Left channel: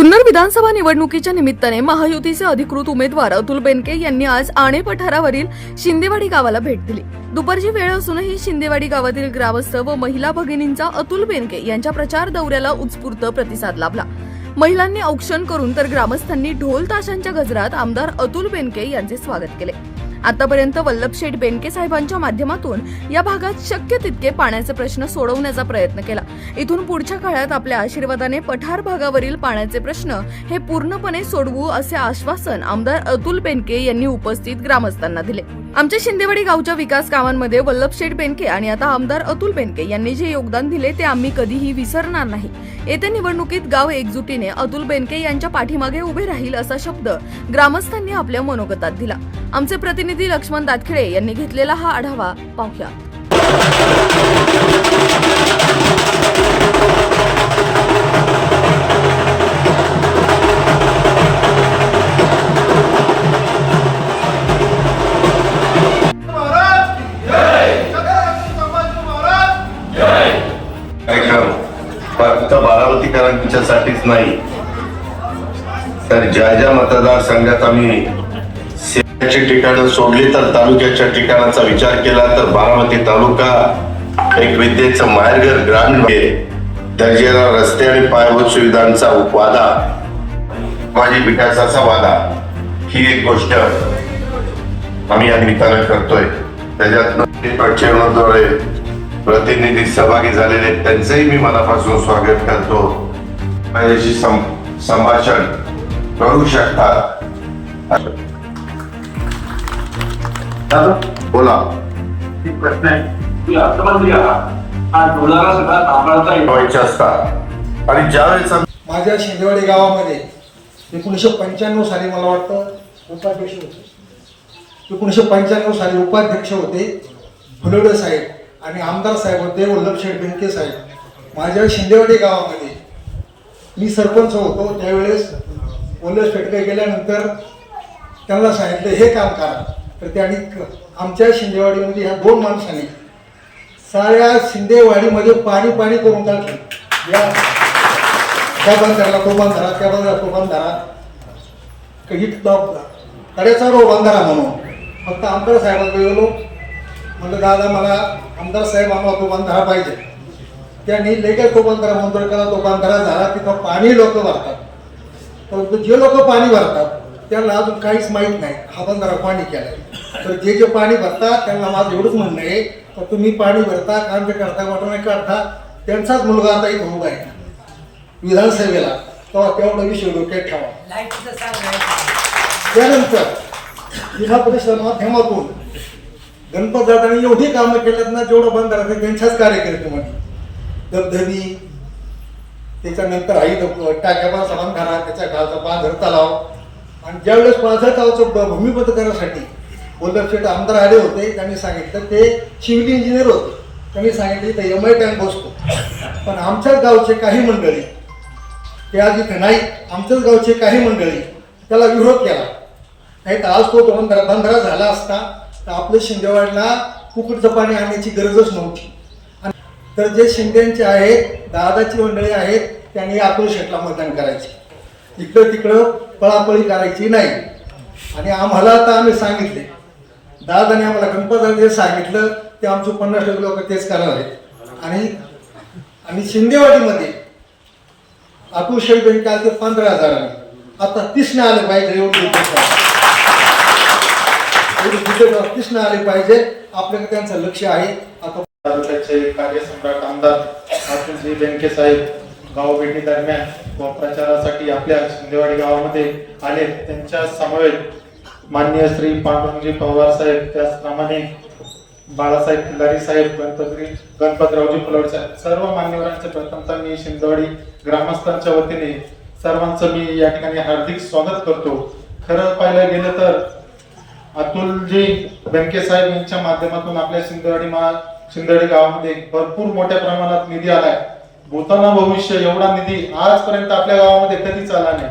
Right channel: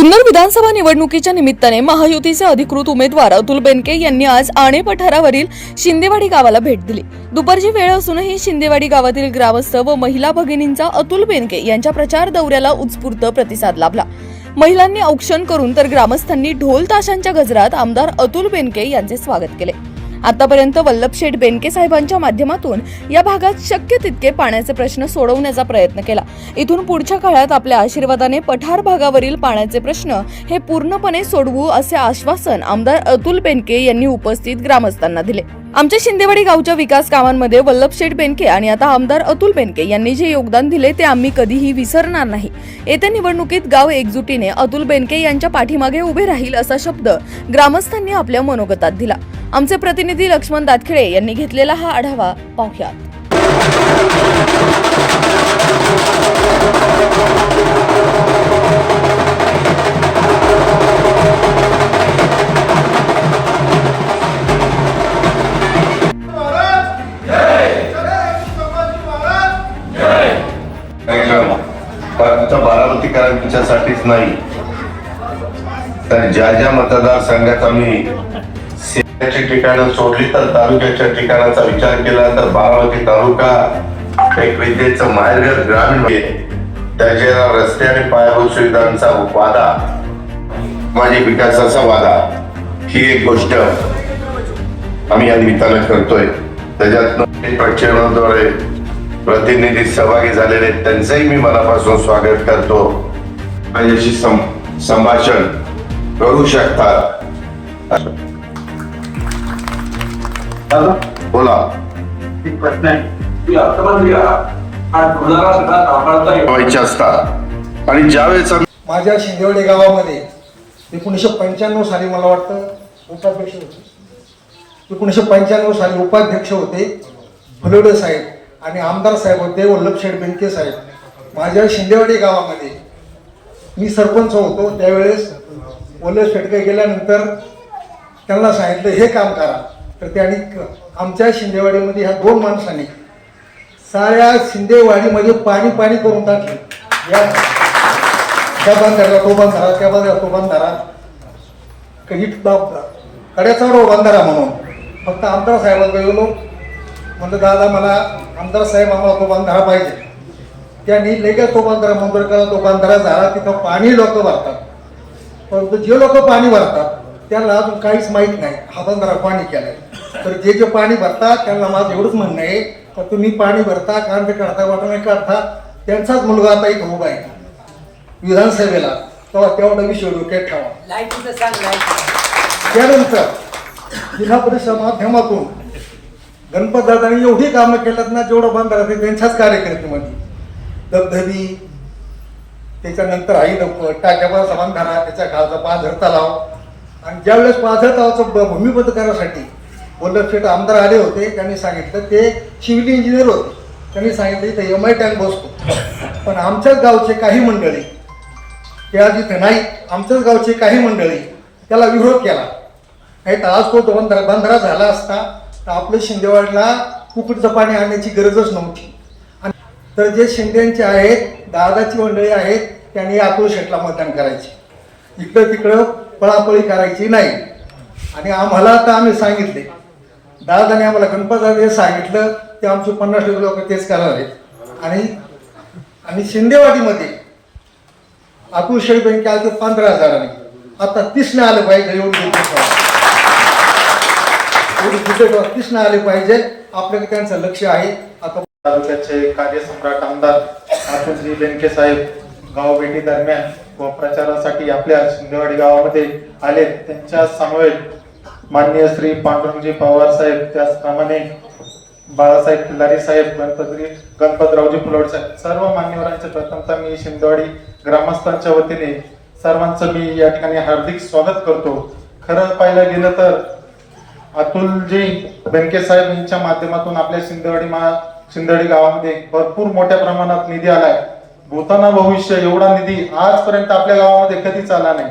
जुन्नर विधानसभा निवडणुकीच्या निमित्ताने महायुतीचे अधिकृत उमेदवार अतुल बेनके यांनी आज आणे पठारावरील शिंदेवाडी गावाला भेट दिली। दुपारची वेळ असूनही शिंदेवाडी गावातील ग्रामस्थ व महिला भगिनींचा अतुल बेनके यांच्या प्रचार दौऱ्याला उत्स्फूर्त प्रतिसाद लाभला। महिलांनी औक्षण करून तर ग्रामस्थांनी ढोल ताशांच्या गजरात आमदार अतुल बेनके यांचे स्वागत केले। आतापर्यंत वल्लभशेठ बेनके साहेबांच्या माध्यमातून या भागात शक्य तितके पाण्याचे प्रश्न सोडवण्याचा प्रयत्न केला। इथून पुढच्या काळात आपल्या आशीर्वादाने पठार भागावरील पाण्याचे प्रश्न हे पूर्णपणे सोडवू असे आश्वासन आमदार अतुल बेनके यांनी उपस्थित ग्रामस्थांना दिले। आमच्या शिंदेवाडी गावच्या विकास कामांमध्ये वल्लभशेठ बेनके आणि आता आमदार अतुल बेनके यांनी जे योगदान दिले ते आम्ही कधीही विसरणार नाही। येत्या निवडणुकीत गाव एकजुटीने अतुल बेनके यांच्या पाठीमागे उभे राहील असा शब्द ग्रामस्थांनी आपल्या मनोगतात दिला। आमचे प्रतिनिधी लक्ष्मण दातखिळे यांनी घेतलेला हा आढावा पाहूया। फक्त बारामतीकरांच्यासाठीच नाही तर ज्या ज्या मतदारसंघात आम्ही सेवेची ठिकाणं सोडली तर तालुक्याच्या ठिकाणाचा विचार केला तर बारामती तालुका एक विद्येचं माहेरघर ग्रामीण दर्जेदार रस्ते आणि पायाभूत सुविधांचा वादा माझी विकासाचा वादा ही एक गोष्ट आम्ही या निमित्ताने करतोय। त्याच्यात प्रक्षेपणाद्वारे प्रतिनिधी सहभागी झालेले त्यांचंही मी मनापासून स्वागत करतो। माझ्याशी संभाषण करू शकतात। बोला, एक प्रश्न आहे की अर्थमंत्री हा डोलारा सगळा तापाळता व्हायचे असतात आणि ज्यावेळेस माझ्या शिंदेवाडी गावामध्ये 1995 साली मला वाटतं उपाध्यक्ष होते। 1995 साली उपाध्यक्ष होते फुलोडे साहेब आणि आमदार साहेब होते वल्लभशेठ बेनके साहेब। माझ्या शिंदेवाडी गावामध्ये मी सरपंच होतो त्यावेळेस वल्लभशेठ गेल्यानंतर त्यांना सांगितलं हे काम करा, तर त्यांनी आमच्या शिंदेवाडीमध्ये ह्या दोन माणसांनी साऱ्या शिंदेवाडीमध्ये पाणी पाणी करून टाकलं। या त्या बंधाऱ्याला तो बंधारा, त्या बंधारा तो बंधारा, कड्याचा रो बंधारा म्हणून फक्त आमदार साहेबांकडे गेलो, म्हणलं दादा मला आमदार साहेब आम्हाला तो बंधारा पाहिजे। त्यांनी लगेच तो बंधारा मंजूर केला। तो बंधारा झाला। तिथं पाणी लोक भरतात, परंतु जे लोक पाणी भरतात त्यांना अजून काहीच माहीत नाही हा बंधारा पाणी केलाय। तर जे जे पाणी भरतात त्यांना माझं एवढंच म्हणणं आहे तर तुम्ही पाणी भरता कांदे काढता वाटणे काढता, त्यांचाच मुलगा आता इथं उभा आहे विधानसभेला, तेव्हा तेवढा विषय डोक्यात ठेवा। त्यानंतर जिल्हा परिषद माध्यमातून गणपत दादांनी एवढी कामं केल्यात ना, जेवढं बंधारा ते त्यांच्याच कार्यकर्त्यामध्ये धबधबी, त्याच्यानंतर आई टाक्याचा बंधारा, त्याच्या खालचा पाझर तलाव, आणि ज्यावेळेस पाझर तलावाचं भूमिपत्र करण्यासाठी वल्लभशेठ आमदार आले होते त्यांनी सांगितलं, ते सिव्हिल इंजिनियर होते, त्यांनी सांगितलं इथं MI टँक बसतो। पण आमच्याच गावचे काही मंडळी ते आज इथं नाही, आमच्याच गावचे काही मंडळी त्याला विरोध केला, नाही तर आज तो बंधारा झाला असता तर आपलं शिंदेवाडीला कुकुटचं पाणी आणण्याची गरजच नव्हती। आणि तर जे शिंदेचे आहेत, दादाची मंडळी आहेत, त्यांनी अतुल शेठला मतदान करायचे, इकडं तिकडं पळापळी करायची नाही। आणि आम्हाला आता आम्ही सांगितले, दादाने आम्हाला गणपत सांगितलं ते आमचे 50% लोक तेच करणार आहेत। आणि शिंदेवाडीमध्ये अतुल शेठ बेनके आले 15,000, आता 30 आलं पाहिजे, एवढी 30 आले पाहिजे, आपल्याकडे त्यांचं लक्ष आहे। आता तालुक्याचे कार्यसम्राट आमदार अतुलजी बेनके साहेब गावभेटी दरम्यान व प्रचारासाठी आपल्या शिंदेवाडी गावामध्ये आले। त्यांच्या समवेत माननीय श्री पांडुरंगजी पवार साहेब, त्याचप्रमाणे बाळासाहेब खिल्लारी साहेब, गणपतरावजी फुलोडे साहेब, सर्व मान्यवरांचे प्रथमतः मी शिंदेवाडी ग्रामस्थांच्या वतीने सर्वांचं मी या ठिकाणी हार्दिक स्वागत करतो। खरं पाहायला गेलं तर अतुलजी बेनके साहेब यांच्या माध्यमातून आपल्या शिंदेवाडी गावामध्ये भरपूर मोठ्या प्रमाणात निधी आलाय। भूताना भविष्य एवढा निधी आजपर्यंत आपल्या गावामध्ये कधीच आला नाही।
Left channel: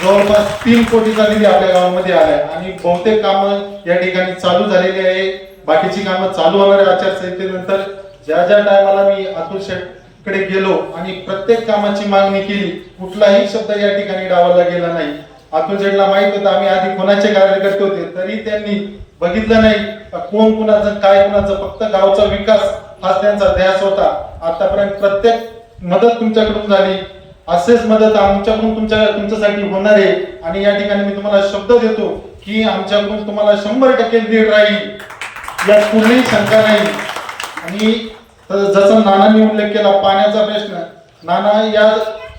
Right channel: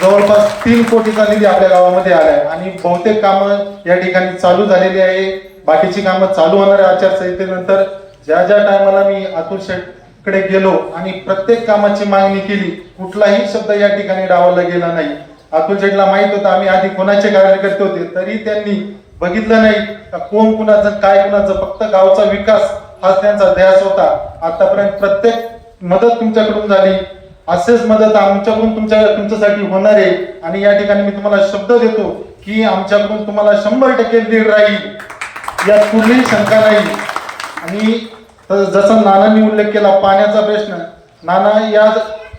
जवळपास 3 कोटीचा निधी आपल्या गावामध्ये आलाय आणि बहुतेक कामं या ठिकाणी चालू झालेली आहे। बाकीची कामं चालू होणार आहे आचारसंहितेनंतर। ज्या ज्या टायमाला मी अतुल शेठ कडे गेलो आणि प्रत्येक कामाची मागणी केली, कुठलाही शब्द या ठिकाणी डावलला गेला नाही. अतुल शेठला माहित होतं आम्ही आधी कोणाचे कार्यकर्ते होते, तरी त्यांनी बघितलं नाही का कोण कुणाचं काय कुणाचं, फक्त गावचा विकास हाच त्यांचा ध्यास होता. आतापर्यंत प्रत्येक मदत तुमच्याकडून झाली, असेच मदत आमच्याकडून तुमच्यासाठी होणार आहे. आणि या ठिकाणी मी तुम्हाला शब्द देतो की आमच्याकडून तुम्हाला 100% लीड राहील, यात कुठलीही शंका नाही. आणि जसं नानांनी उल्लेख केला पाण्याचा प्रश्न, नाना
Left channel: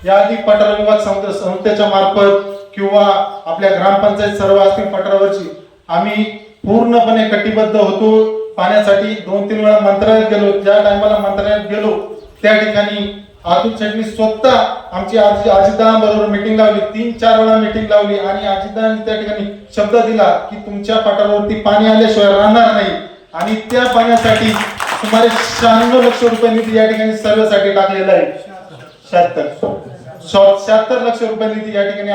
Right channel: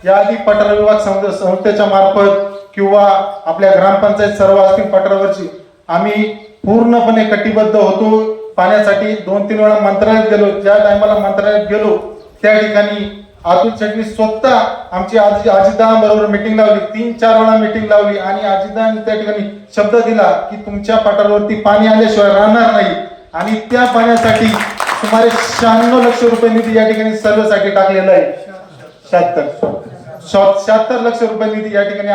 याआधी पठार विभाग संस्थेच्या मार्फत किंवा आपल्या ग्रामपंचायत सर्व असतील पठारावरची, आम्ही पूर्णपणे कटिबद्ध होतो पाण्यासाठी. 2-3 वेळा मंत्रालयात गेलो. ज्या टायमाला मंत्रालयात गेलो त्या ठिकाणी अतुल शेठनी स्वतः आमची अजितदादांबरोबर मीटिंग लावली, 3-4 वेळा मीटिंग लावली आणि अजितदादांनी त्या ठिकाणी शब्द दिला की तुमच्या पठारावरती पाणी आल्याशिवाय राहणार नाही. आणि त्या पाण्यासाठी सुमारे 96 लक्ष रुपये निधी या ठिकाणी सर्वेसाठी टाकलेला आहे. 76 लक्ष रुपये निधी या ठिकाणी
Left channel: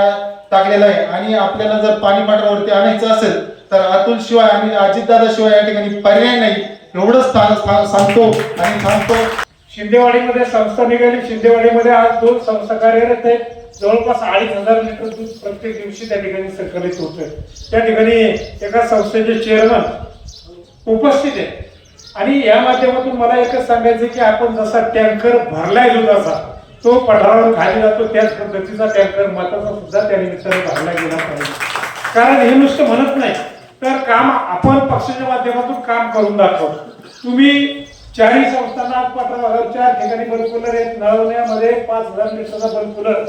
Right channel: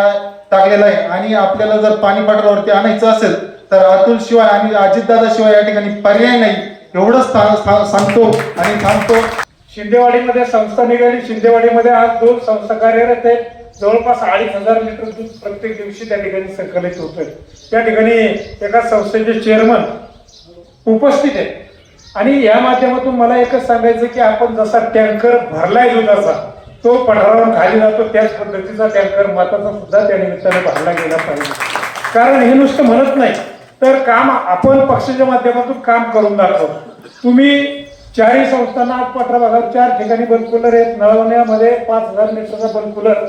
टाकलेला आहे. आणि आपल्याला जर पाणी पठारावरती आणायचं असेल तर अतुल शिवाय आणि अजितदादा शिवाय या ठिकाणी पर्याय नाही, एवढंच सांगतो आणि थांबतो. शिंदेवाडीमध्ये संस्था निघाली. शिंदेवाडीमध्ये आज 2 संस्था कार्यरत आहेत. जवळपास 2,500 लिटर दूध प्रत्येक दिवशी त्या ठिकाणी संकलित होतोय. त्या ठिकाणी एका संस्थेचे चेअरमन उपस्थित आहेत. आणि या माध्यमातून मला एकच सांगायचं की आपण जसा टँकर भरलाय दुधाचा तो पठारावर खाली जातो, त्याच पद्धतीचा टँकर माताचा सुद्धा त्या निमित्ताने भरला गेला पाहिजे. कारण हे नुसतं म्हणत नाही तर काम आपण पक्षाच्या माध्यमातून काम करून दाखवतो. तुम्ही 4ही संस्थांना आज पठरा भागात 4 ठिकाणी बल्क कूलर आहेत. नळवण्यामध्ये 5,000 लिटरचा बल्क कूलर,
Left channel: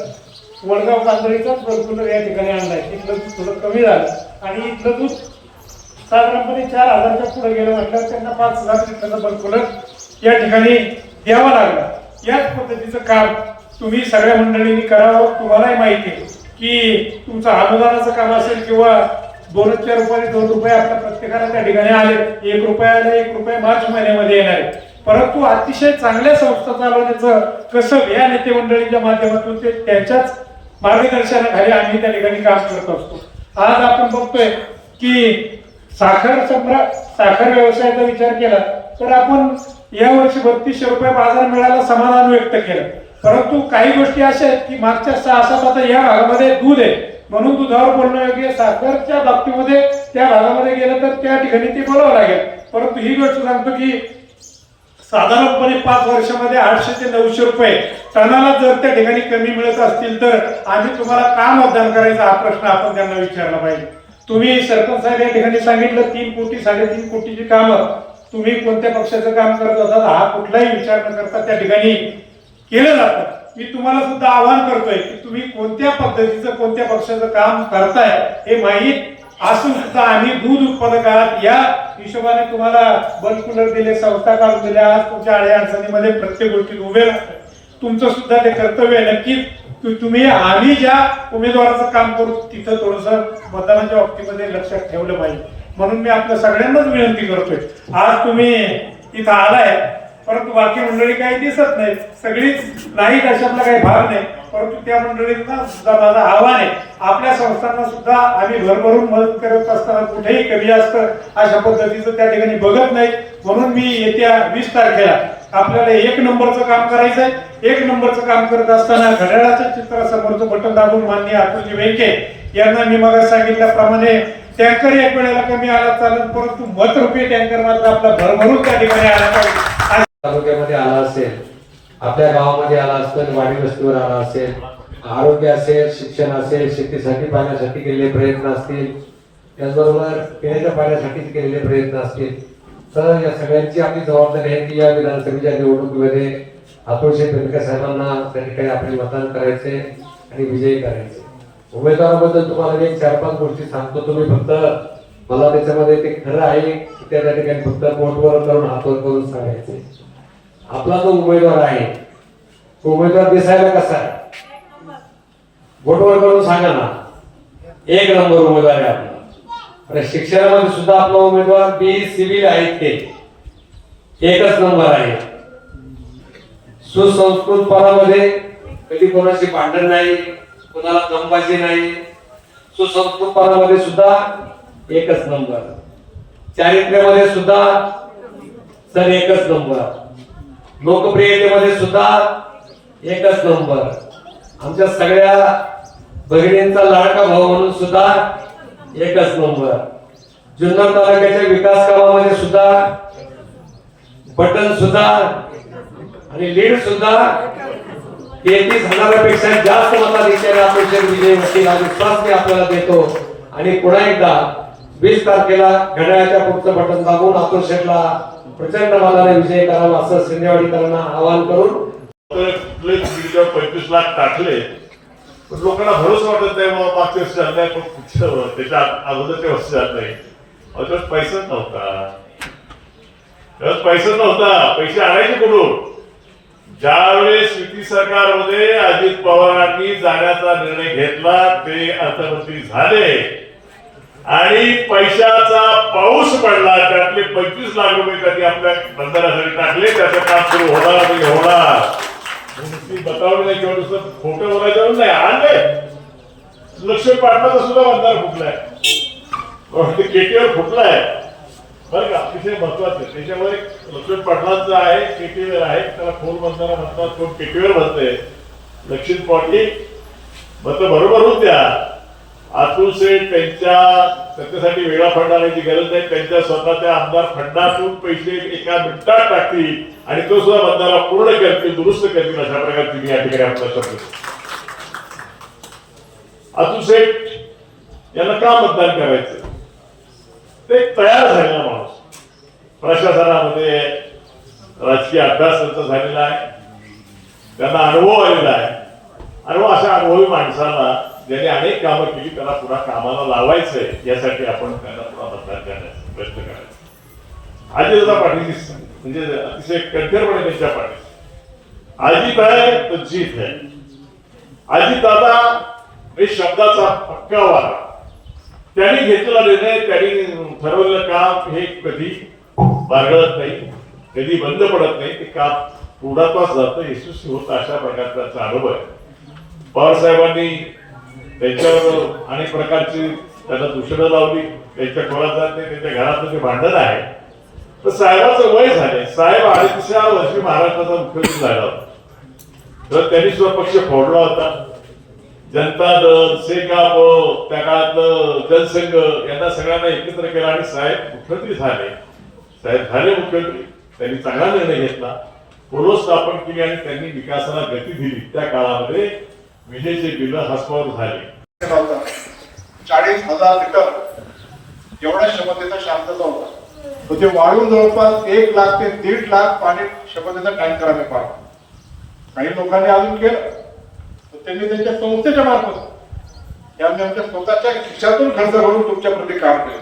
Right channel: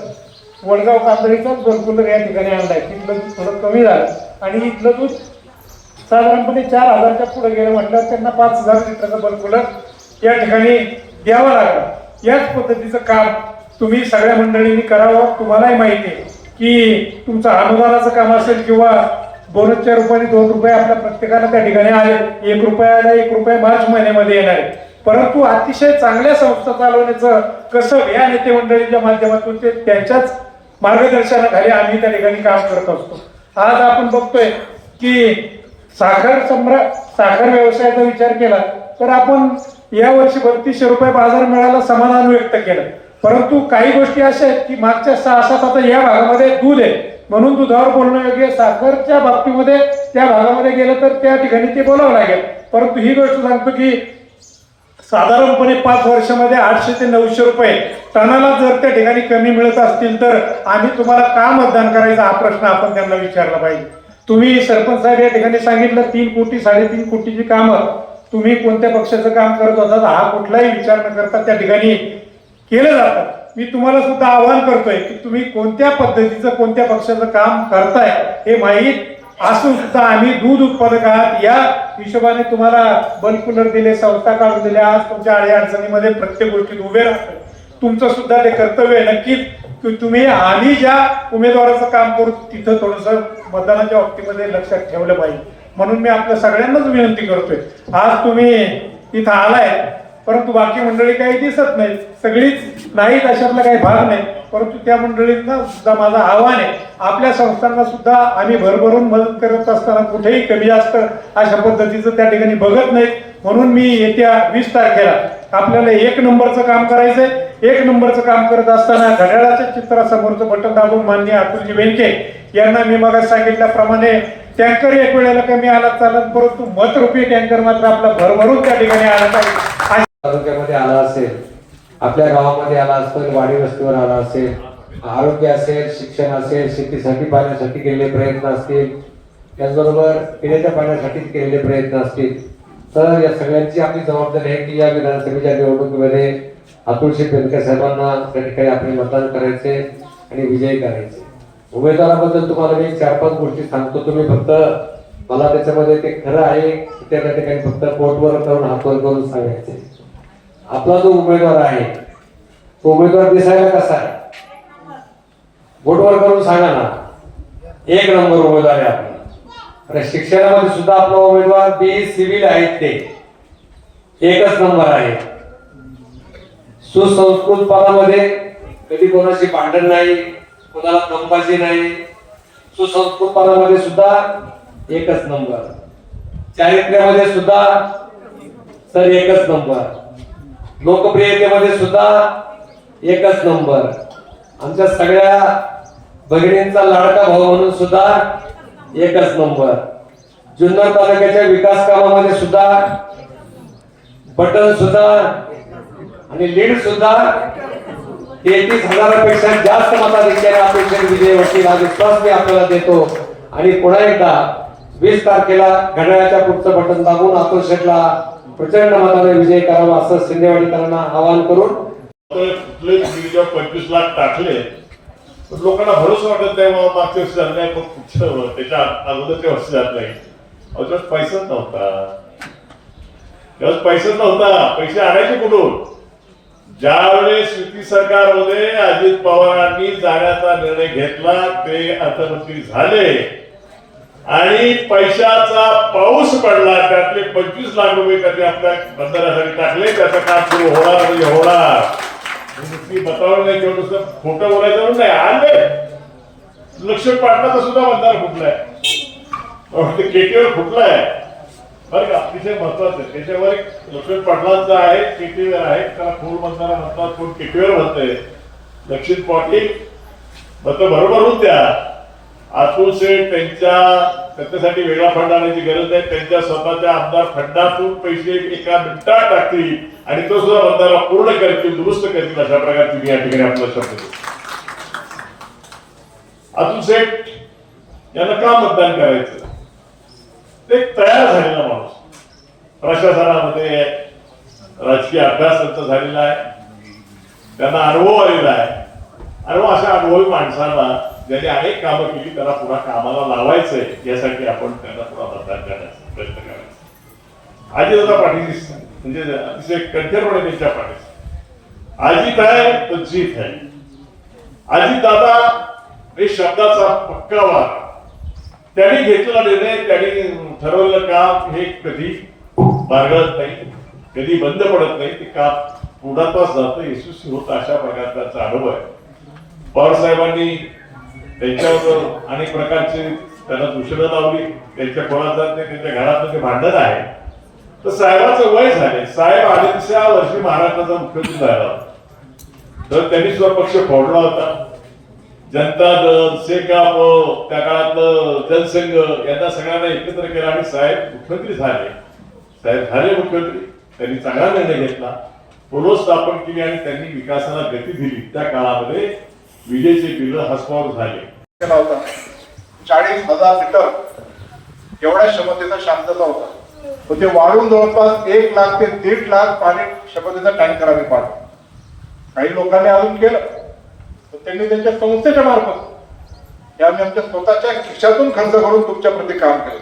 वडगाव कांदळीचाच बल्क कूलर या ठिकाणी आणलाय. तिथलं दूध थोडं कमी झालं आणि इथलं दूध साधारणपणे 4,000च्या पुढे गेलं म्हटलं त्यांना 5,000 लिटरचा बल्क कूलर या ठिकाणी द्यावा लागला. याच पद्धतीचं काम तुम्ही सगळ्या मंडळींनी करावं. तुम्हालाही माहिती आहे की तुमचं अनुदानाचं काम असेल किंवा बोनसच्या रूपाने 2 रुपये आपल्या प्रत्येकाला त्या ठिकाणी आले, 1 रुपयाला 1 रुपये मार्च महिन्यामध्ये येणार आहे. परंतु अतिशय चांगल्या संस्था चालवण्याचं कसं या नेते मंडळीच्या माध्यमातून ते त्यांच्याच मार्गदर्शनाखाली आम्ही त्या ठिकाणी काम करत असतो. आज आपण बघतोय की साखर व्यवसायाचा विचार केला तर आपण या वर्षी 3200 रुपये बाजार मिळाला, समाधान व्यक्त केलं. परंतु काही गोष्टी अशा आहेत की मागच्या 6-7 आता या भागामध्ये दूध आहे म्हणून दुधावर बोलणं योग्य. साखरच्या बाबतीमध्ये त्या भागामध्ये गेलं तर त्या ठिकाणी ते बोलावं लागेल. परंतु ही गोष्ट सांगतो की साधारणपणे 5 वर्षामध्ये 800 ते 900 रुपये टनाला जर त्या ठिकाणी कमी मिळत असतील तर आम्ही तुम्हाला का मतदान करायचा हा प्रश्न आपण त्यांना विचारला पाहिजे. तुम्ही सरपंच साहेब या ठिकाणी सांगितलं 3 कोटी 3.5 कोटीची कामं तुम्ही कोणत्या पक्षाचं काम करत होता हा कुठलाही विचार न करता त्या ठिकाणी केलं जातं. मी तुम्हाला सुद्धा आवाहन करतोय की तुम्ही कोणत्या पद्धतीचं कोणत्या पक्षाचं काम करताय हे माहीत असून सुद्धा आम्ही दूध उत्पादक आहात या हिशोबाने तुम्हाला बल्क कूलर दिले, संस्था काढून दिल्या. आज तुमच्या अडचणीमध्ये प्रत्येक गोष्टीत उभे राहतात. तुमचं सुद्धा ते कर्तव्य आहे नक्कीच की तुम्ही आम्ही ज्या उमेदवाराचं काम करू तिथं थोडंसं मतदानाच्या बाबतीमध्ये लक्षात ठेवलं पाहिजे. म्हणून मी आपल्या सगळ्यांनाच विनंती करतोय, आज तुम्ही इथं आलाय परंतु बाकी मंडळी काही दिसत नाही, सगळीच नाहीत अशातला काही भाग नाही. परंतु त्या मंडळींना सुद्धा माझं आव्हान आहे, आपल्या संस्थांना सुद्धा आम्ही भरभरून मदत करत असताना कुठेही कमी जास्त अशा पद्धतीचं त्या ठिकाणी बघत नाही. म्हणून मी येत्या 20 तारखेला आपल्याला 1 नंबरचं काम करायचंय. 1 नंबरचं काम करत असताना घड्याळाच्या चित्रासमोरचं बटन दाबून माननीय अतुलजी बेनके यांना मी मग सांगितल्याप्रमाणे टँकर एक वेळेला कमी आला चालत, परंतु मतरूपी टँकर मात्र आपला भरभरून त्या ठिकाणी आला. तालुक्यामध्ये आला असेल, आपल्या गावामध्ये आला असेल, वाडी वस्तीवर आला असेल, आरोग्य असेल, शिक्षण असेल, शेतीसाठी पाण्यासाठी केलेले प्रयत्न असतील, त्याचबरोबर पिण्याच्या पाण्यासाठी केलेले प्रयत्न असतील. तर या सगळ्यांची आपली जबाबदारी आहे की या विधानसभेच्या निवडणुकीमध्ये अतुल शेठ बेनके साहेबांना त्या ठिकाणी आपले मतदान करायचे आणि विजयी करायचे. उमेदवाराबद्दल तुम्हाला मी 4-5 गोष्टी सांगतो. तुम्ही फक्त मला त्याच्यामध्ये ते खरं आहे की त्या ठिकाणी फक्त पोटवर करून हातवर करून सांगायचे. आपला जो उमेदवार आहे तो उमेदवार दिसायला कसा आहे बोटवर करून सांगा ना. 1 नंबर उमेदवार आहे आपला. आणि शिक्षणामध्ये सुद्धा आपला उमेदवार BE सिव्हिल आहेत, ते 1च नंबर आहे. सुसंस्कृतपणामध्ये कधी कोणाशी भांडण नाही, कोणाला दमबाजी नाही. सुसंस्कृतपणामध्ये सुद्धा 1च नंबर. चारित्र्यामध्ये सुद्धा सर 1च नंबर. लोकप्रियतेमध्ये सुद्धा एकच नंबर. आमच्या सगळ्या भगिनींचा लाडका भाऊ म्हणून सुद्धा एकच नंबर. जुन्नर तालुक्याच्या विकास कामामध्ये सुद्धा बटन सुद्धा आणि लीड सुद्धा 33,000पेक्षा जास्त मताधिक्याने अपेक्षित विजय वाटतील हा विश्वास मी आपल्याला देतो. आणि पुन्हा एकदा 20 तारखेला घड्याळाच्या पुढचं बटन दाबून अतुल शेठला प्रचंड मताने विजय करावा असं शिंदेवाडीकरांना आवाहन करून 25 लाख टाकले, लोकांना भरोसा वाटत नाही. मग मागच्या वर्षी झालं नाही, मग पुढच्या त्याच्या अगोदरच्या वर्षी जात नाही. त्यावेळेस पैसाच नव्हता. त्यावेळेस पैसाच नव्हता. पैसे आणायचे कुठून? ज्यावेळेस युती सरकारमध्ये अजित पवारांनी जाण्याचा निर्णय घेतला, ते अर्थमंत्री झाले आणि पैशाचा पाऊस पडला. त्यातले 25 लाख रुपये त्यांनी आपल्या बंदरासाठी टाकले. त्याचं काम सुरू होणार. बतावलं नाही किंवा खोटं बोलायचं नाही. आले लक्ष्मण पाटलाचा सुद्धा बंधारा फुटलाय, केटीवर फुटलाय बरं का. अतिशय महत्वाचं त्याच्यावर एक लक्ष्मण पाटलांचं आहे, केटीवर आहे. त्याला खोल बंधारा म्हणतात, कोण केटीवर म्हणतंय. लक्ष्मण पाटील मत बरोबर होत्या. अतुल शेठ त्याच्यासाठी वेगळा फंड आणायची गरज नाही. त्यांच्या स्वतःच्या आमदार फंडातून पैसे एका मिनिटात टाकतील आणि तो सुद्धा बंधारा पूर्ण करतील, दुरुस्त करतील. अशा प्रकारची मी या ठिकाणी आपल्याला शब्द देतो. अतुल शेठ यांना का मतदान करायचं? ते तयार झालेला माणूस, प्रशासनामध्ये राजकीय अभ्यास त्यांचा झालेला आहे, त्यांना अनुभव आलेला आहे. आणि अशा अनुभवी माणसाला ज्यांनी अनेक कामं केली त्याला पुन्हा कामाला लावायचंय, यासाठी आपण त्यांना पुन्हा मतदान करण्याचा प्रयत्न करायचा. अजितदादा पाटील म्हणजे अतिशय कणखरपणे त्यांच्या पाठीशी. अजित आहे तर जीत आहे. अजितदादा हे शब्दाचा पक्का वार. त्यांनी घेतलेला निर्णय, त्यांनी ठरवलेलं काम हे कधी बागडत नाही, कधी बंद पडत नाही. ते काम पुढापास जातं, यशस्वी होतं. अशा प्रकारचा अनुभव आहे. पवार साहेबांनी त्यांच्याबरोबर अनेक प्रकारची त्यांना दूषणं लावली. त्यांच्या कोणाचा त्यांच्या घरातलं ते भांडण आहे. तर साहेबाचं वय झाले. साहेब 38व्या वर्षी महाराष्ट्राचा मुख्यमंत्री झाला होता. तर त्यांनी सुद्धा पक्ष फोडला होता. जनता दल, सेकाप, त्या काळातलं जनसंघ यांना सगळ्यांना एकत्र केलं आणि साहेब मुख्यमंत्री झाले. साहेब झाले मुख्यमंत्री. त्यांनी चांगला निर्णय घेतला, पुनर्स्थापन केली आणि त्यांनी विकासाला गती दिली. त्या काळामध्ये विजेचे बिल हसमावर झाले. 40,000 लिटर एवढ्या क्षमतेचा शांतता होता. ते वाढून जवळपास 1 लाख ते 1.5 लाख पाणी क्षमतेचा टँकर आम्ही पाडतो. काही लोकांनी अजून केलं तर त्यांनी त्यांच्या संस्थेच्या मार्फत आम्ही आमच्या स्वतःच्या खिशातून खर्च करून तुमच्याप्रती काम केलं.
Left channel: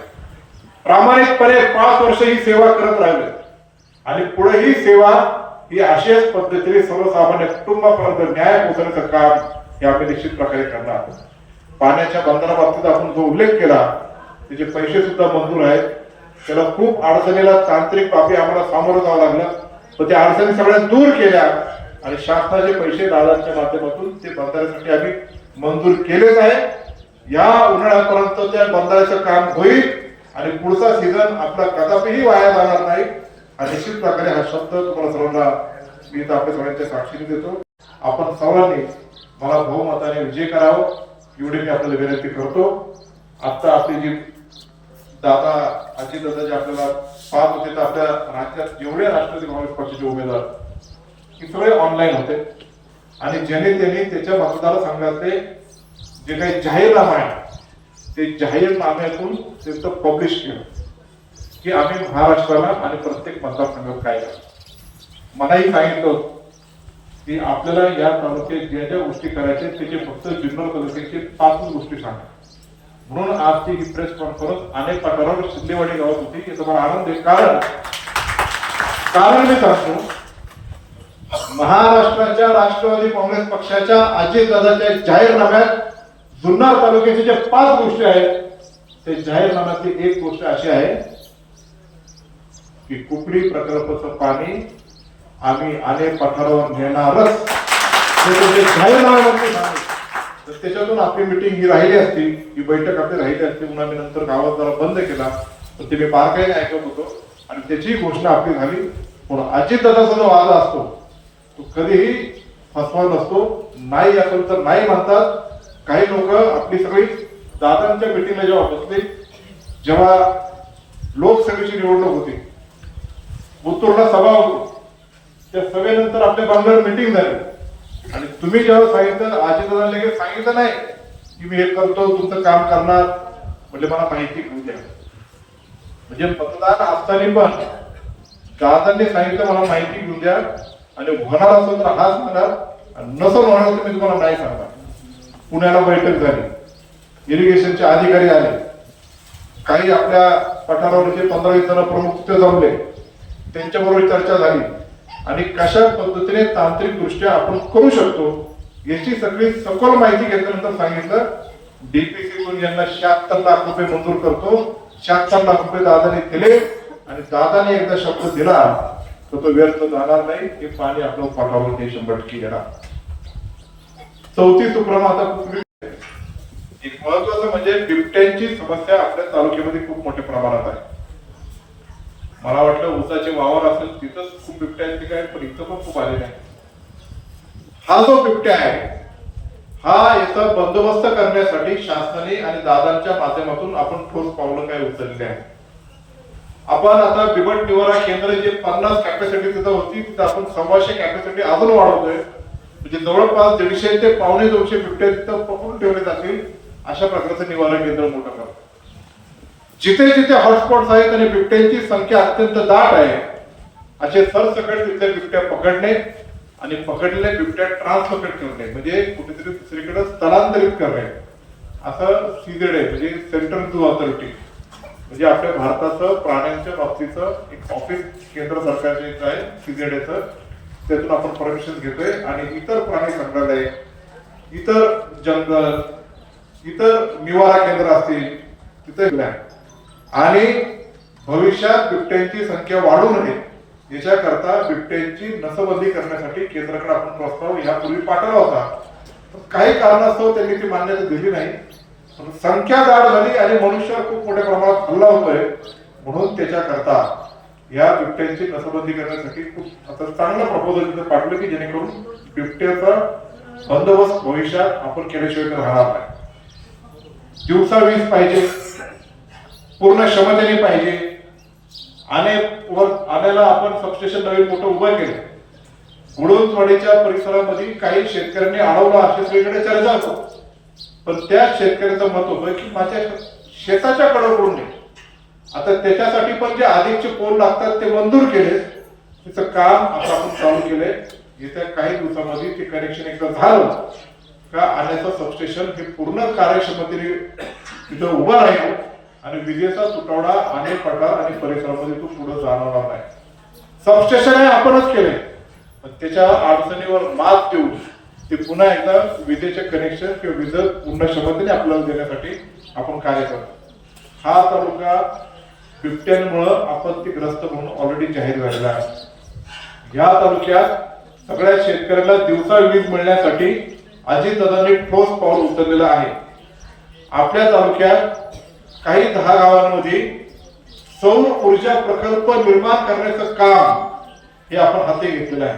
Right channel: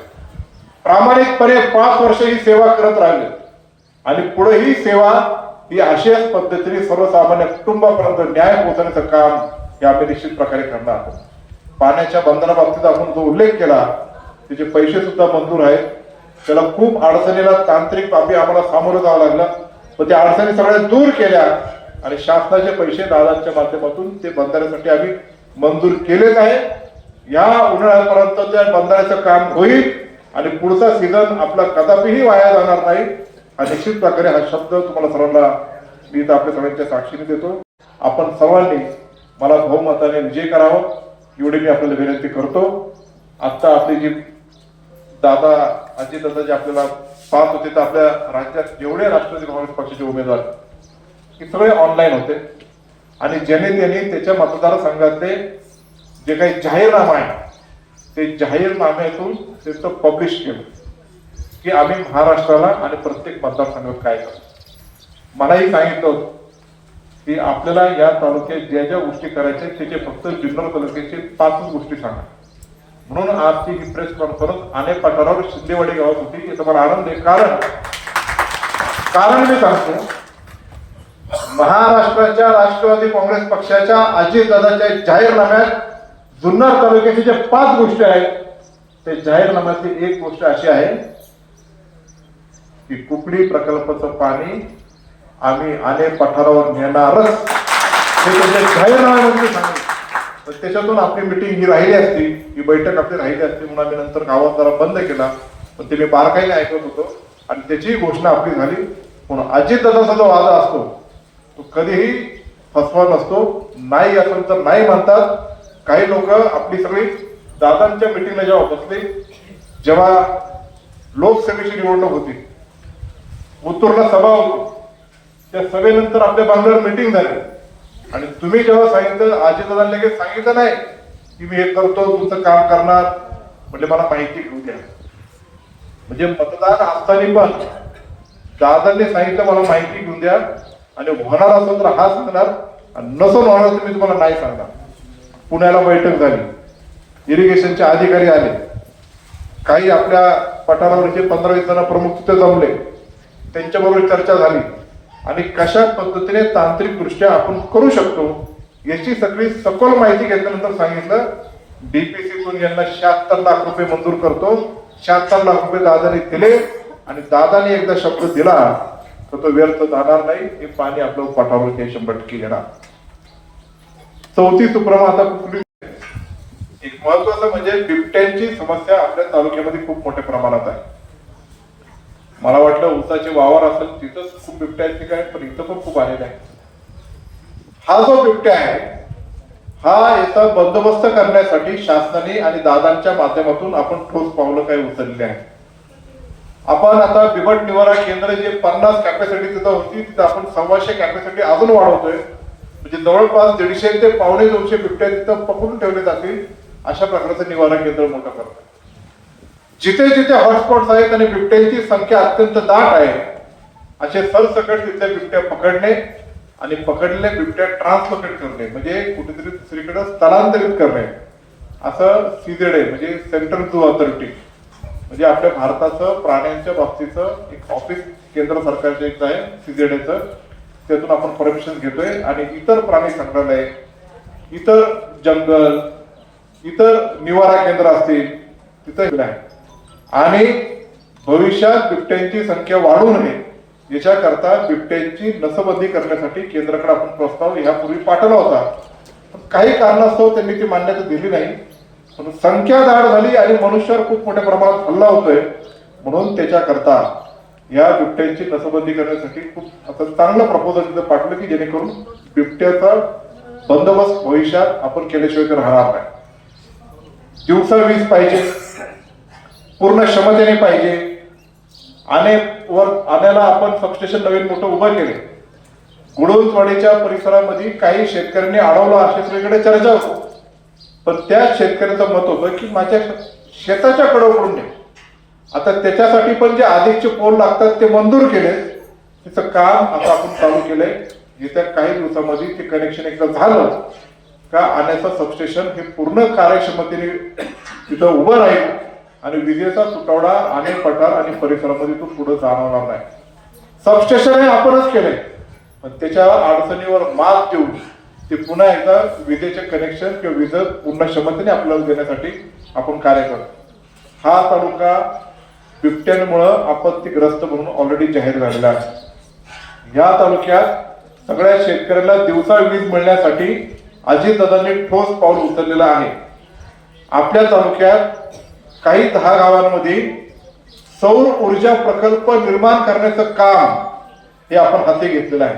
प्रामाणिकपणे 5 वर्ष ही सेवा करत राहिले आणि पुढे ही सेवा ही अशाच पद्धतीने सर्वसामान्य कुटुंबापर्यंत न्याय पोहोचण्याचं काम हे आम्ही निश्चित प्रकारे करणार. पाण्याच्या बंदराबाबतीत आपण जो उल्लेख केला त्याचे पैसे सुद्धा मंजूर आहेत. त्याला खूप अडचणीला तांत्रिक बाबी आम्हाला सामोरं जावं लागलं, पण त्या अडचणी सगळ्या दूर केल्या आणि शासनाचे पैसे दारांच्या माध्यमातून ते बंधाऱ्यासाठी आम्ही मंजूर केलेच आहे. या उन्हाळ्यापर्यंत त्या बंधाऱ्याचं काम होईल आणि पुढचा सीझन आपला कदापिही वाया जाणार नाही. आणि निश्चित प्रकारे हा शब्द तुम्हाला सर्वांना मी आपल्या सगळ्यांच्या साक्षीने देतो. आपण सर्वांनी मला बहुमताने विजय करावं एवढी मी आपल्याला विनंती करतो. आता आपली जी दादा अजितदादा जे आपल्याला साथ होते तर आपल्या राज्यात जेवढे राष्ट्रवादी काँग्रेस पक्षाचे उमेदवार हे सगळे ऑनलाईन होते आणि ज्याने त्यांनी त्याच्या मतदारसंघातले जे काही जाहीरनामा आहे ते जाहीरनाम्यातून त्यांचं पब्लिश केलं की आम्ही महाराष्ट्राला आणि प्रत्येक मतदारसंघात काय करतो. मलाही सांगितलं की आपल्याला या तालुक्यात ज्या ज्या गोष्टी करायच्या त्याचे फक्त जुन्नर तालुक्याचे 5 गोष्टी सांगा. म्हणून आजची ही प्रेस कॉन्फरन्स अनेक पाठवणार शिंदेवाडी गावात होती. की तुम्हाला आनंद आहे, कारण मी सांगतो महाराष्ट्राच्या राष्ट्रवादी काँग्रेस पक्षाच्या अजितदादाच्या जाहीरनाम्यात जुन्नर तालुक्याचे जे 5 गोष्टी आहेत ते जाहीरनाम्यातली एक गोष्ट अशी आहे की कुकडी प्रकल्पाचं पाणी आम्ही अनेक पठारावर नेणारच. जाहीरनाम्यामध्ये सांगितलं. तर त्याच्यातून आपली मिटिंग ही राहिली असती, ही बैठक आपली राहिली असती म्हणून आम्ही नंतर गावात जरा बंद केला. पण ते मी बारकाईने ऐकत होतो आणि त्याची घोषणा आपली झाली. पण अजितदादाचा जो वादा असतो तो कधीही फसवा नसतो. नाही असेल तर नाही म्हणतात. काही लोक आपली सगळी दादांच्या मिटिंगला जेव्हा बसले, जेव्हा लोकसभेची निवडणूक होती, उत्तूरला सभा होती, त्या सभेनंतर आपल्या बंगल्यावर मिटिंग झाली आणि तुम्ही जेव्हा सांगितलं, अजितदादांना लगेच सांगितलं नाही की मी हे करतो, तुमचं काम करणार, म्हणजे मला माहिती घेऊन द्या. म्हणजे मतदान असताना पण दादांनी सांगितलं मला माहिती घेऊन द्या आणि होणार असेल तर हाच होणार, नसून होणार तर मी तुम्हाला नाही सांगणार. पुण्याला बैठक झाली, इरिगेशनचे अधिकारी आले, काही आपल्या पठारावरचे 15-20 जण प्रमुख तिथे जमले, त्यांच्याबरोबर चर्चा झाली आणि कशा पद्धतीने तांत्रिकदृष्ट्या आपण करू शकतो याची सगळी सखोल माहिती घेतल्यानंतर सांगितलं डीपीसीतून यांना 76 लाख रुपये मंजूर करतो. 76 लाख रुपये दादाने दिले आणि दादाने एकदा शब्द दिला तर तो व्यर्थ जाणार नाही. हे पाणी आपलं पठारावर हे 100% येणार. चौथी सुप्रम आता एक महत्वाचं म्हणजे बिबट्यांची समस्या आपल्या तालुक्यामध्ये खूप मोठ्या प्रमाणात आहे. मला वाटलं ऊसाचे वावर असेल तिथंच खूप बिबट्या आहेत काय, पण इथं पण खूप आलेले आहे. हा जो बिबट्या आहे हा याचा बंदोबस्त करण्यासाठी शासनाने आणि दादांच्या माध्यमातून आपण ठोस पावलं काय उचलले आहे. आपण आता बिबट निवारा केंद्र जे 50 कॅपॅसिटी तिथं होती तिथं आपण 125 कॅपॅसिटी अजून वाढवतोय. म्हणजे जवळपास 150 ते 150 बिबट्या तिथं पकडून ठेवले जातील अशा प्रकारचं निवारा केंद्र मोठं करतो. जिथे जिथे हॉटस्पॉट आहेत आणि बिबट्यांची संख्या अत्यंत दाट आहे असे सरसकट तिथले बिबट्या पकडणे आणि पकडलेले बिबट्या ट्रान्सलोकेट करणे म्हणजे कुठेतरी दुसरीकडे स्थलांतरित करणे असं CZA म्हणजे सेंट्रल झू ऑथॉरिटी म्हणजे आपल्या भारताचं प्राण्यांच्या बाबतीचं एक ऑफिस केंद्र सरकारचे इथं आहे CZAचं. त्यातून आपण परमिशन घेतोय आणि इतर प्राणी संग्रहालय, इतर जंगल, इतर निवारा केंद्र असतील तिथे आहे. आणि भविष्यात बिबट्यांची संख्या वाढू नये याच्याकरता बिबट्यांची नसबंदी करण्यासाठी केंद्राकडे आपण प्रस्ताव यापूर्वी पाठवला होता. पण काही कारणास्तव त्यांनी ती मान्यता दिली नाही. पण संख्या दाट झाली आणि मनुष्यावर खूप मोठ्या प्रमाणात हल्ला होतोय म्हणून त्याच्याकरता या बिबट्यांची नसबंदी करण्यासाठी खूप आता चांगलं प्रपोजल तिथे पाठवलं की जेणेकरून बिबट्याचा बंदोबस्त भविष्यात आपण केल्याशिवाय तर राहणार नाही. दिवसा वीज पाहिजे, पूर्ण क्षमतेने पाहिजे. आण्याला आपण सबस्टेशन नवीन मोठं उभं केले. गुडोलवाडीच्या परिसरामध्ये काही शेतकऱ्यांनी अडवला अशी सगळीकडे चर्चा होतो. पण त्या शेतकऱ्याचं मत होतं की माझ्या शेताच्या कडकडून नाही. आता त्याच्यासाठी पण जे अधिकचे पोल लागतात ते मंजूर केले. तिचं काम आता आपण चालू केलंय. येत्या काही दिवसामध्ये ते कनेक्शन एकदा झालं का आण्याचं सबस्टेशन हे पूर्ण कार्यक्षमतेने तिथं उभं राहील आणि विजेचा तुटवडा आणि पठार आणि परिसरामध्ये तो पुढे जाणवणार नाही. सबस्टेशन हे आपणच केलंय पण त्याच्या अडचणीवर मात देऊन ते पुन्हा एकदा विजेचे कनेक्शन किंवा वीज पूर्ण क्षमतेने आपल्याला देण्यासाठी आपण कार्य करतो. हा तालुका बिबट्यांमुळं आपत्तीग्रस्त म्हणून ऑलरेडी जाहीर झालेला आहे. या तालुक्यात सगळ्या शेतकऱ्याला दिवसा वीज मिळण्यासाठी अजितदादांनी ठोस पाऊल उचललेलं आहे. आपल्या तालुक्यात काही 10 गावांमध्ये सौर ऊर्जा प्रकल्प निर्माण करण्याचं काम हे आपण हाती घेतलेलं आहे.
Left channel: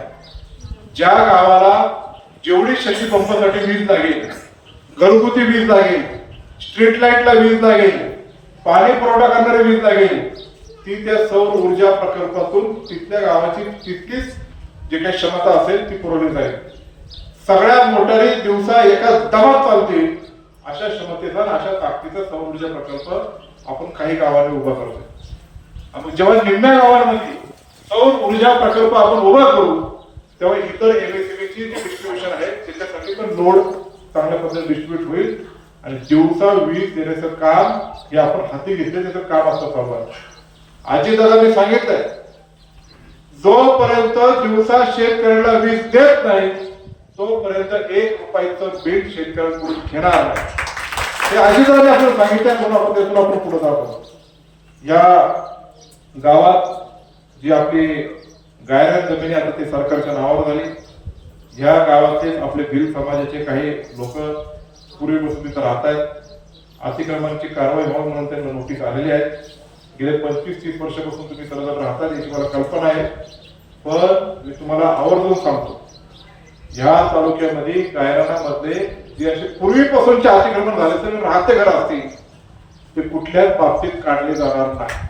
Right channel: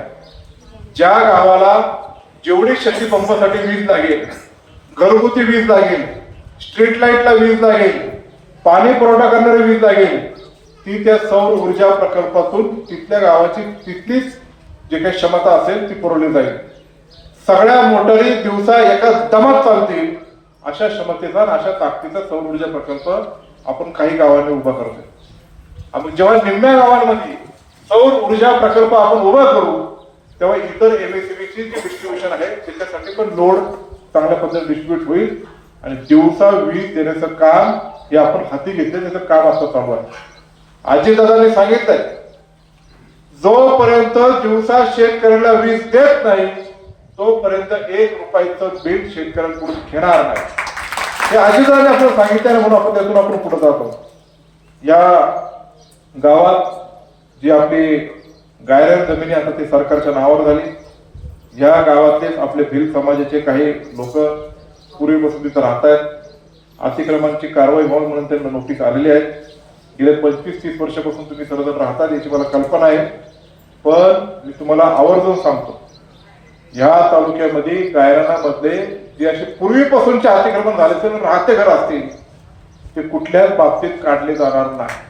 ज्या गावाला जेवढी शेती पंपासाठी वीज लागेल, घरगुती वीज लागेल, स्ट्रीट लाईटला वीज लागेल, पाणी पुरवठा करणारी वीज लागेल, ती त्या सौर ऊर्जा प्रकल्पातून तिथल्या गावाची तिथलीच जे काही क्षमता असेल ती पुरवली जाईल. सगळ्या मोटारी दिवसा एका दमात चालतील अशा क्षमतेचा अशा ताकदीचा सौर ऊर्जा प्रकल्प आपण काही गावांनी उभा करतो. आपण जेव्हा निम्म्या गावांमध्ये सौर ऊर्जा प्रकल्प आपण उभा करू तेव्हा इतर एमएससीबीची डिस्ट्रीब्युशन आहे त्याच्यासाठी पण लोड चांगल्या पद्धतीने डिस्ट्रीब्यूट होईल आणि दिवसा वीज देण्याचं काम हे आपण हाती घेतलं त्याचं काम असं चालू आहे. अजितदादांनी सांगितलंय जोपर्यंत दिवसा शेतकऱ्याला वीज देत नाही तोपर्यंत 1 रुपयाचं बिल शेतकऱ्यांकडून घेणार नाही. हे अजितदादांनी आपल्याला सांगितलं म्हणून आपण त्यातून आपण पुढे जातो. या गावात जी आपली गायरान जमिनी आता ते सरकारच्या नावावर झाली. या गावातले आपले भिल समाजाचे काही लोक पूर्वीपासून तिथं राहत आहेत. अतिक्रमणाची कारवाई व्हावी म्हणून त्यांना नोटीस आलेली आहे. गेल्या 25-30 वर्षापासून तुम्ही सर्वजण राहतात याची मला कल्पना आहे. पण मी तुम्हाला आवर्जून सांगतो, या तालुक्यामध्ये गायरानामधले जे असे पूर्वीपासूनचे अतिक्रमण झाले तर राहते घर असतील ते कुठल्याच बाबतीत काढले जाणार नाही.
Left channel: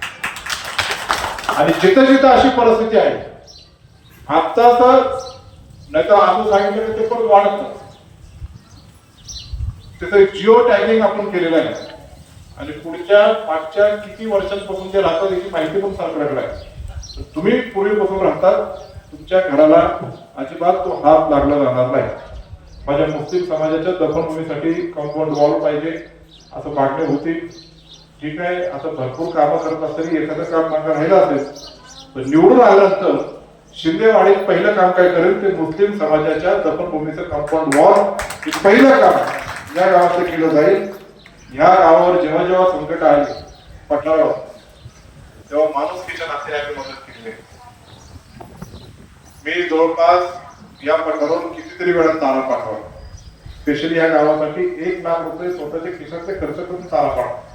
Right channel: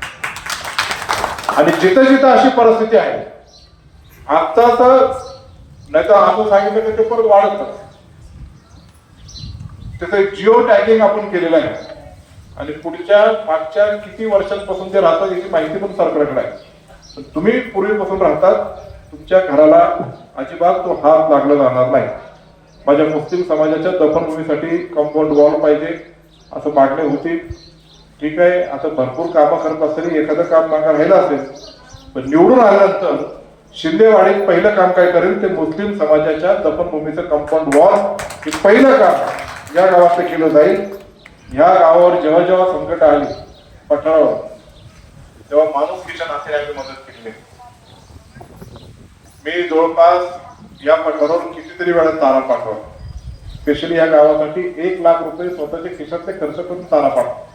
आणि जिथं जिथं अशी परिस्थिती आहे, आता तर नाहीतर आपण सांगितलं की ते परत वाढत, त्याचं जिओ टॅगिंग आपण केलेलं आहे आणि पुढच्या मागच्या किती वर्षांपासून ते राहतात याची माहिती पण सरकारकडे आहे. तर तुम्ही पूर्वीपासून राहतात, तुमच्या घराला अजिबात तो हात लागला जाणार नाही. माझ्या मुस्लिम समाजाच्या दफनभूमीसाठी कंपाऊंड वॉल पाहिजे असं मागणी होती. ठीक आहे, आता भरपूर कामं करत असताना एखादं काम मागं राहिलं असेल, पण निवडून आल्यानंतर शिंदेवाडीत पहिलं काम काय करेल ते मुस्लिम समाजाच्या दफनभूमीचं कंपाऊंड वॉल हे पहिलं काम या गावात केलं जाईल. या गावावर जेव्हा जेव्हा संकट आली पठारावर, तेव्हा माणुसकीच्या नात्याने मदत केली. मी जवळपास या पठारावर कितीतरी वेळा चारा पाठवला. स्पेशली या गावासाठी 1 लाख रुपये स्वतःच्या खिशातले खर्च करून चारा पाठवला.